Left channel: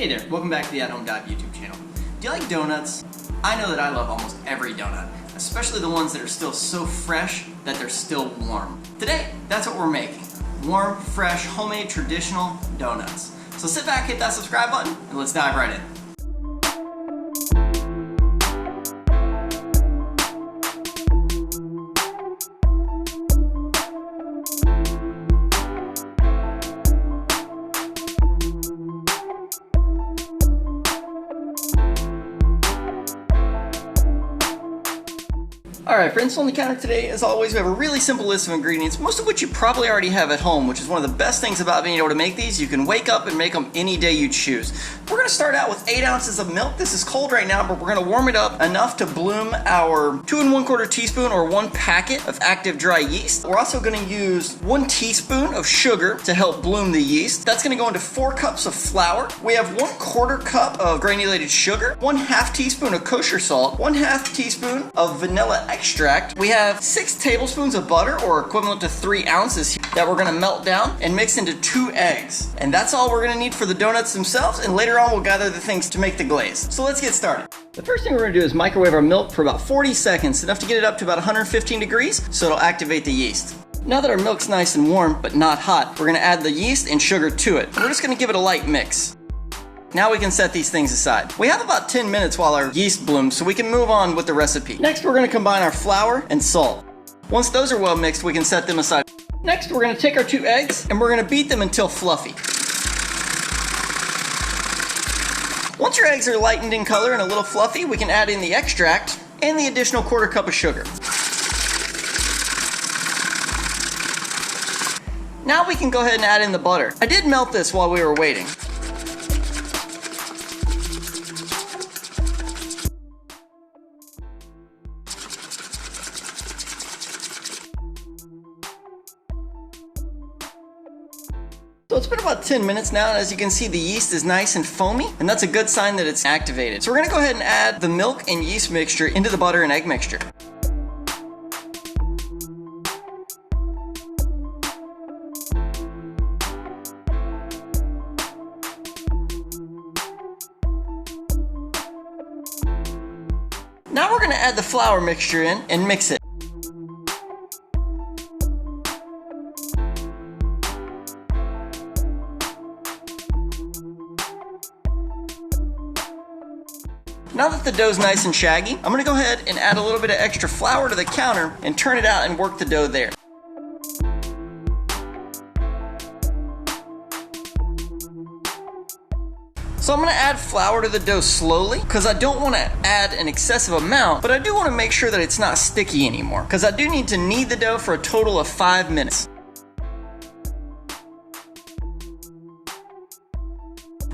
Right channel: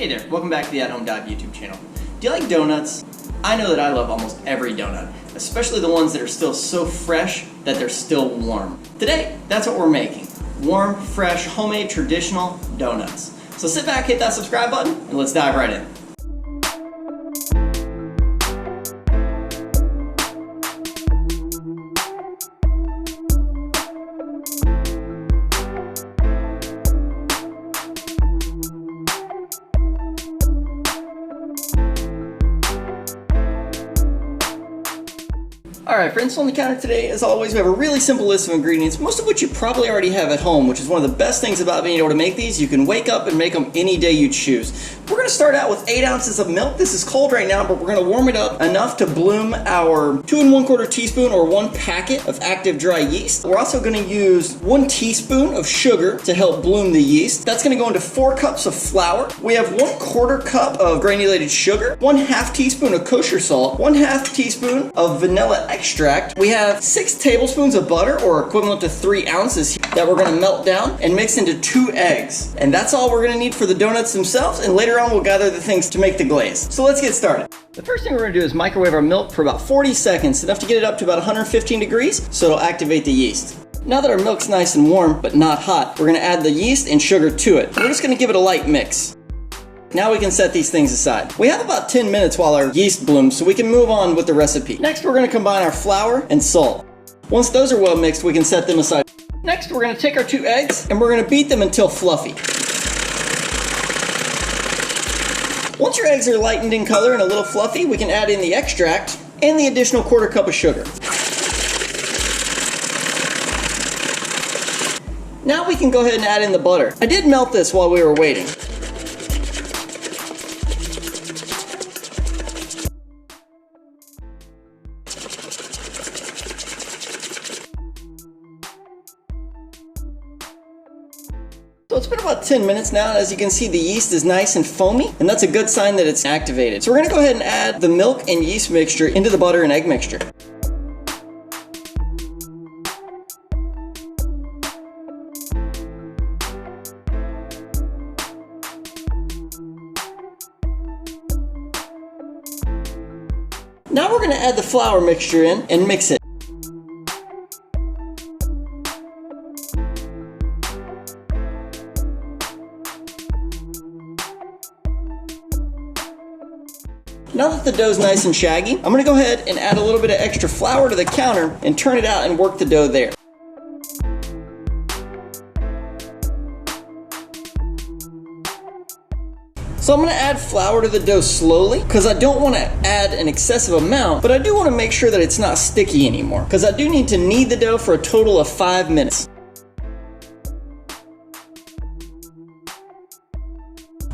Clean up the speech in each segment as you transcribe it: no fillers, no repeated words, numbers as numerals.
Hey there, welcome back to the athomedive YouTube channel. Do you like donuts? I know that I love almost every donut, especially the ones that are still so fresh that they're still warm. Today, that's what we're making. Warm, fresh, homemade, traditional donuts. So sit back, hit that subscribe button, and let's dive right in. Alright friends, so on the counter today, as always, we have a really simple list of ingredients, most of which you probably already have at home, which is one of the best things about being able to make these. You can wake up and make them any day you choose. We're going to start out with 8 ounces of milk. This is cold right now, but we're going to warm it up enough to bloom our 2 1/4 teaspoon or 1 packet of active dry yeast. We're also going to use 1 teaspoon of sugar to help bloom the yeast. That's going to go into 4 cups of flour. We have 1/4 cup of granulated sugar, 1/2 teaspoon of kosher salt, 1/2 teaspoon of vanilla extract. We have 6 tablespoons of butter, or equivalent to 3 ounces, that we're going to melt down and mix into 2 eggs. And that's all we're going to need for the donuts themselves, and later on we'll gather the things to make the glaze. So let's get started. The first thing we're going to do is microwave our milk for about 40 seconds, enough to get it up to about 115 degrees so it'll activate the yeast. Now that our milk's nice and warm but not hot, we're going to add the yeast and sugar to it. And we're just going to give it a light mix. Now we can set these things aside. We have about 10 minutes while our yeast blooms, so we can move on with the recipe. Next, we're going to combine our flour and salt. Once those are well mixed, we can set them aside. Next, we're going to take our 2 eggs and we're going to beat them until fluffy. Once your eggs are lightened in color and a little fluffy, we can add in the extract and the additional 1/4 cup of sugar. Now we can go ahead and add in the butter. I did melt this while we were waiting. So it's been about 10 minutes now, and as you can see, the yeast is nice and foamy, and that's a good sign that it's activated. So we're gonna go ahead and add the milk and yeast mixture into the butter and egg mixture. Now we're gonna add the flour mixture in and mix it. Now that the dough's nice and shaggy, I'm gonna go ahead and add a little bit of extra flour to the counter and turn it out and work the dough there. So I'm gonna add flour to the dough slowly because I don't want to add an excessive amount, but I do want to make sure that it's not sticky anymore because I do need to knead the dough for a total of 5 minutes.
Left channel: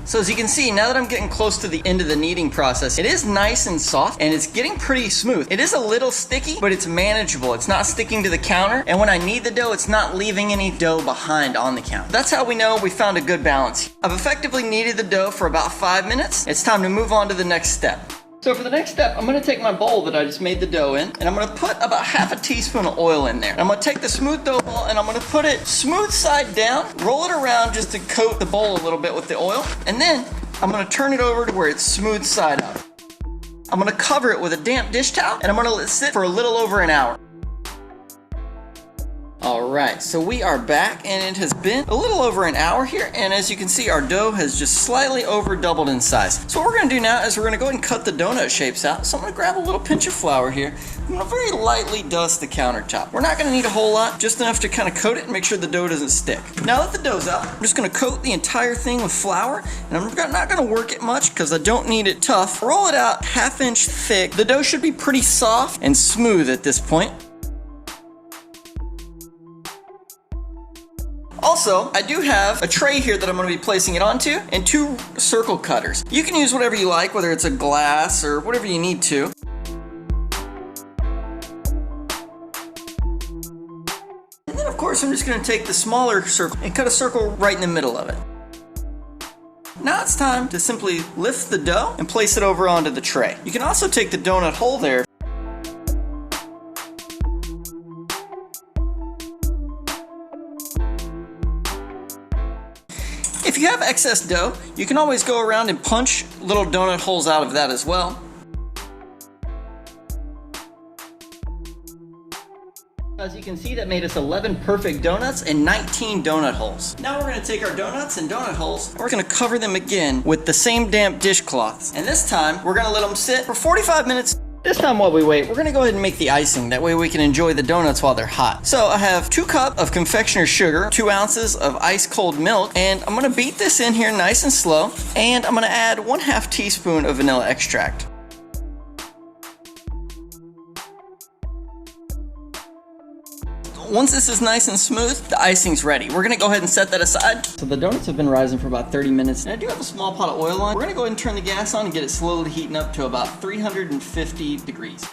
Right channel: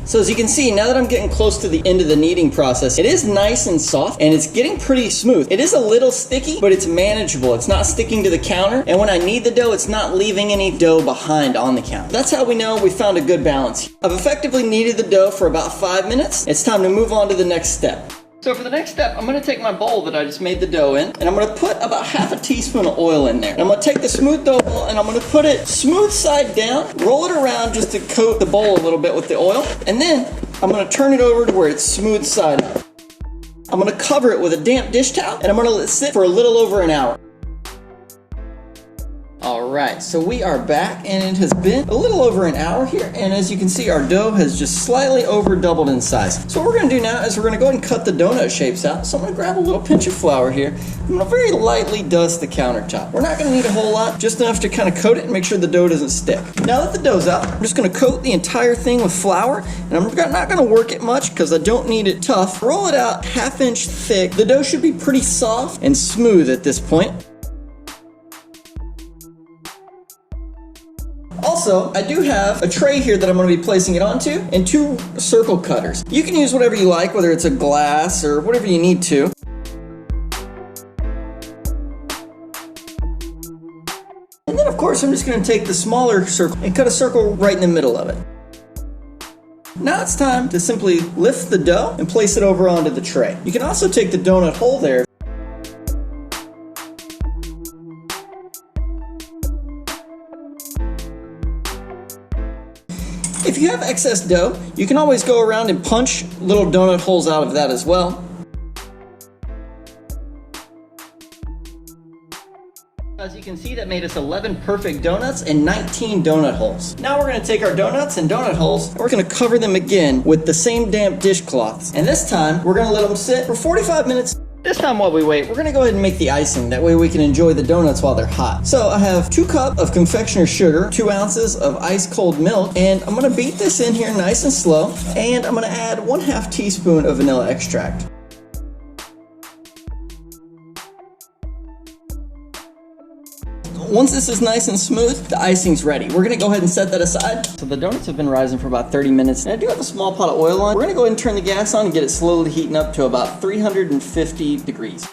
So as you can see, now that I'm getting close to the end of the kneading process, it is nice and soft and it's getting pretty smooth. It is a little sticky, but it's manageable. It's not sticking to the counter, and when I knead the dough, it's not leaving any dough behind on the counter. That's how we know we found a good balance. I've effectively kneaded the dough for about 5 minutes. It's time to move on to the next step. So for the next step, I'm going to take my bowl that I just made the dough in, and I'm going to put about 1/2 teaspoon of oil in there. And I'm going to take the smooth dough ball and I'm going to put it smooth side down, roll it around just to coat the bowl a little bit with the oil, and then I'm going to turn it over to where it's smooth side up. I'm going to cover it with a damp dish towel, and I'm going to let it sit for a little over an hour. Alright, so we are back, and it has been a little over an hour here, and as you can see, our dough has just slightly over doubled in size. So what we're going to do now is we're going to go ahead and cut the donut shapes out. So I'm going to grab a little pinch of flour here. I'm going to very lightly dust the countertop. We're not going to need a whole lot, just enough to kind of coat it and make sure the dough doesn't stick. Now that the dough's out, I'm just going to coat the entire thing with flour, and I'm not going to work it much because I don't need it tough. Roll it out 1/2 inch thick. The dough should be pretty soft and smooth at this point. Also, I do have a tray here that I'm going to be placing it onto, and 2 circle cutters. You can use whatever you like, whether it's a glass or whatever you need to. And then of course I'm just going to take the smaller circle and cut a circle right in the middle of it. Now it's time to simply lift the dough and place it over onto the tray. You can also take the donut hole there If you you have excess dough, you can always go around and punch little donut holes out of that as well. As you can see, that made us 11 perfect donuts and 19 donut holes. Now we're going to take our donuts and donut holes and we're going to cover them again with the same damp dishcloths. And this time, we're going to let them sit for 45 minutes. This time while we wait, we're going to go ahead and make the icing. That way we can enjoy the donuts while they're hot. So I have 2 cups of confectioner's sugar, 2 ounces of ice cold milk, and I'm going to beat this in here nice and slow. And I'm going to add 1/2 teaspoon of vanilla extract. Once this is nice and smooth, the icing's ready. We're gonna go ahead and set that aside. So the donuts have been rising for about 30 minutes, and I do have a small pot of oil on. We're gonna go ahead and turn the gas on and get it slowly heating up to about 350 degrees.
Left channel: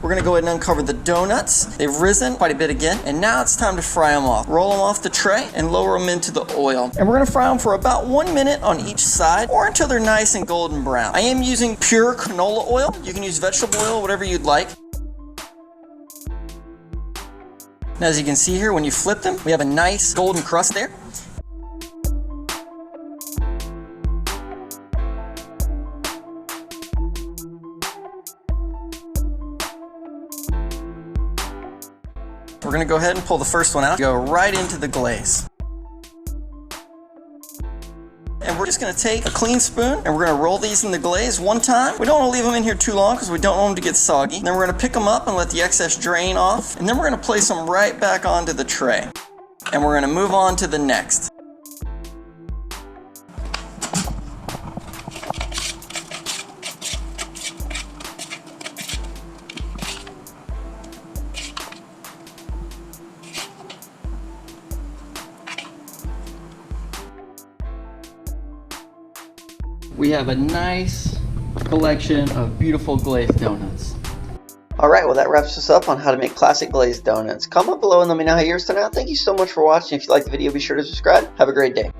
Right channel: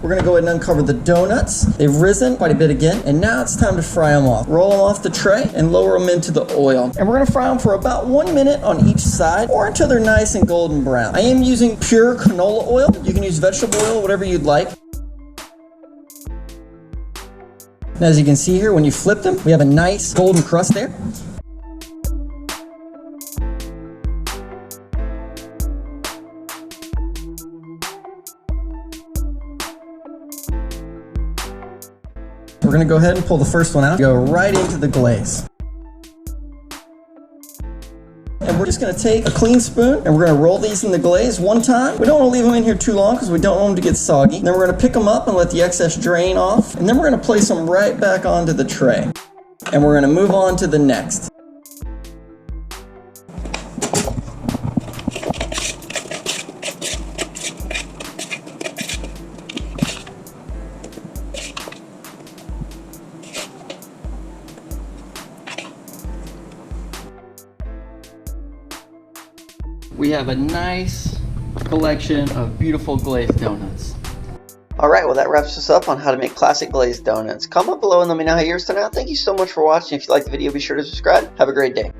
We're gonna go ahead and uncover the donuts. They've risen quite a bit again, and now it's time to fry them off. Roll them off the tray and lower them into the oil. And we're gonna fry them for about 1 minute on each side, or until they're nice and golden brown. I am using pure canola oil. You can use vegetable oil, whatever you'd like. Now, as you can see here, when you flip them, we have a nice golden crust there. We're gonna go ahead and pull the first one out, go right into the glaze. And we're just gonna take a clean spoon and we're gonna roll these in the glaze one time. We don't wanna leave them in here too long because we don't want them to get soggy. Then we're gonna pick them up and let the excess drain off. And then we're gonna place them right back onto the tray. And we're gonna move on to the next. We have a nice collection of beautiful glazed donuts. Alright, well that wraps us up on how to make classic glazed donuts. Comment below and let me know how yours turn out. Thank you so much for watching. If you liked the video, be sure to subscribe. Have a great day.